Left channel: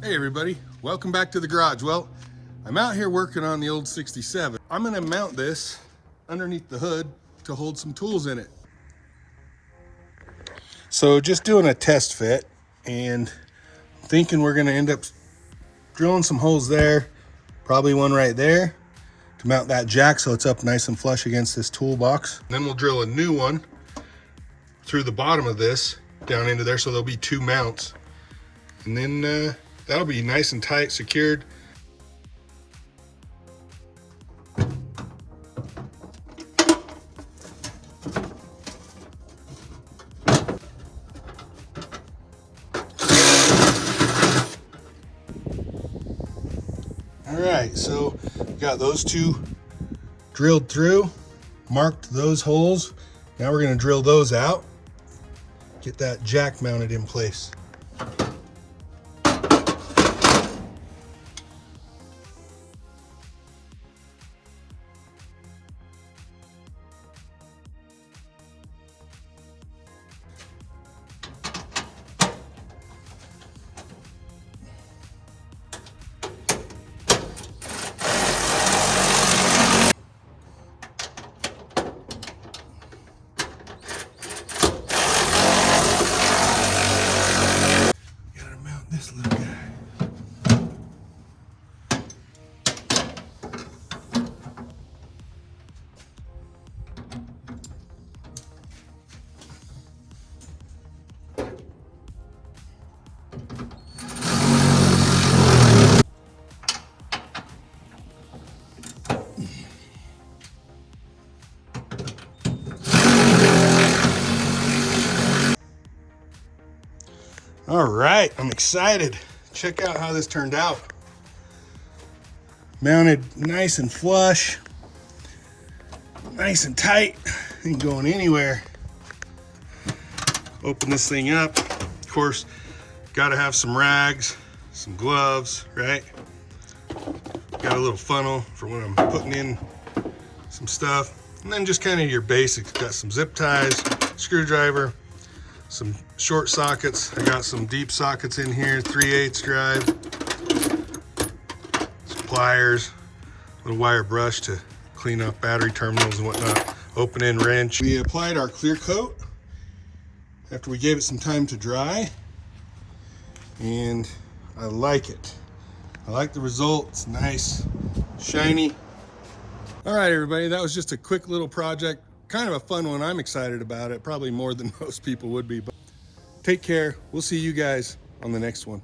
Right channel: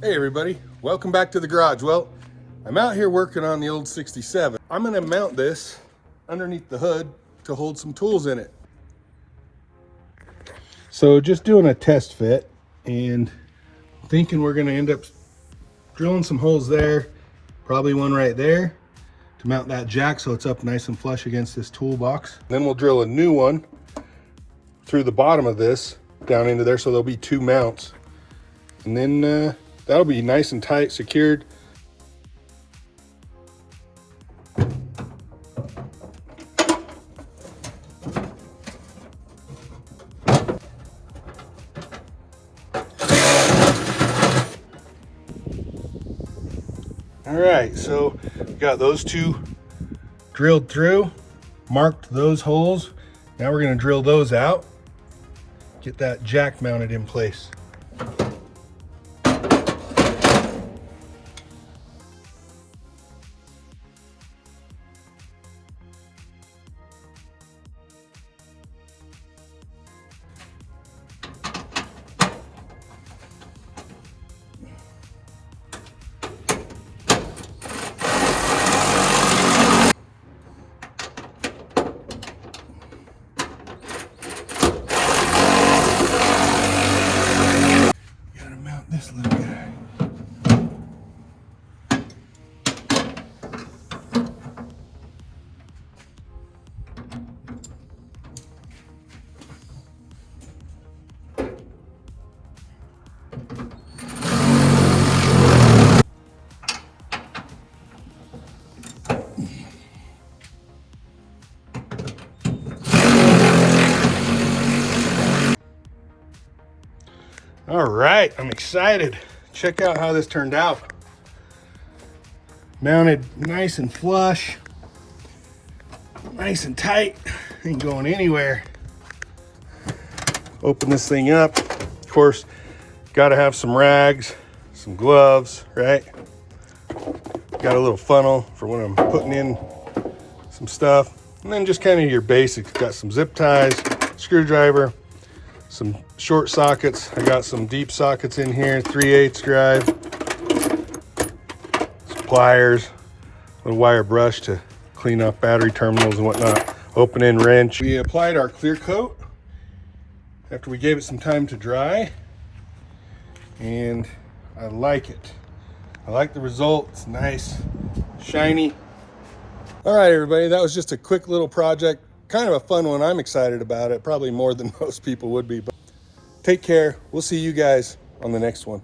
Hey everybody, welcome back to the garage. Well, I'm out here working on the old 67. I'm gonna mount this underneath the hood to hold some tools in it. So just doing a test fit and thinking we're gonna end up drilling some holes there, probably one right there to mount that jack so it's up nice and flush against this toolbox. Then we'll drill a new one through the bottom of this down into there so there'll be two mounts. And then that'll be nice and tight, secured. All right, so we got those two drilled through, marked those holes. Now we're gonna drill those out, get that jack mounted in place. This little guy. All right, I'm excited. Check out how this turned out. Mounted nice and flush, nice and tight, ain't going anywhere. Open this thing up. Of course, gotta have some rags, some gloves, right? Got a little funnel for when I'm putting in some stuff. And then just kind of your basics. Got some zip ties, screwdriver, some short sockets. I got some deep sockets in here, 3/8 drive, some pliers, a little wire brush to clean up battery terminals and whatnot, open-end wrench. We applied our clear coat after we gave it some time to dry, and I like it. I like the result. It's nice, shiny. All right, everybody, that was just a quick little project. Kind of a fun one. I'm excited about it, probably more than most people would be. But take care. We'll see you guys on the next one.